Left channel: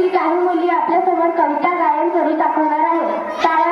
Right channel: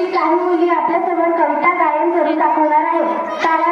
की काही मुली आपल्यासमोर कविता गायन करून दाखवणार आहे टाळ्या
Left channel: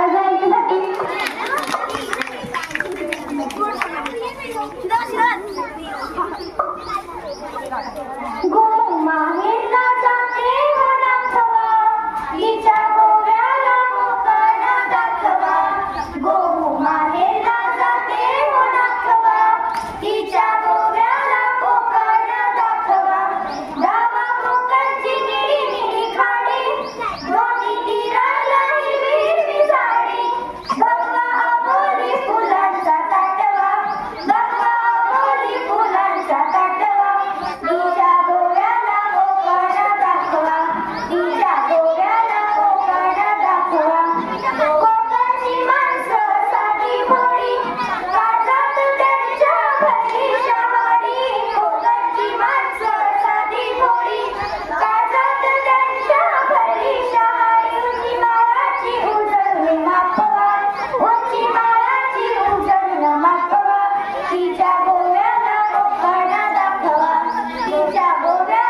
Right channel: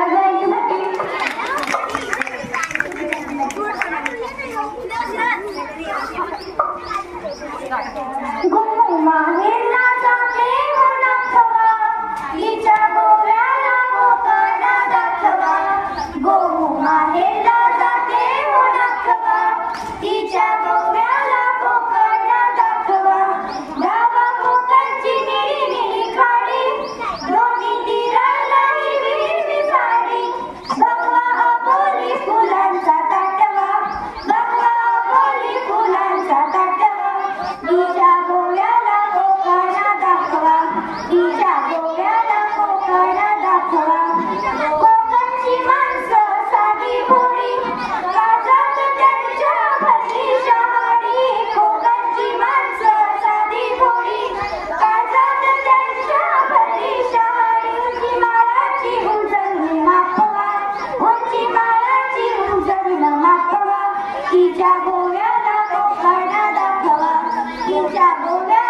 तिच्या गोव्याला कोकणात दाखवा. तिच्या गोव्या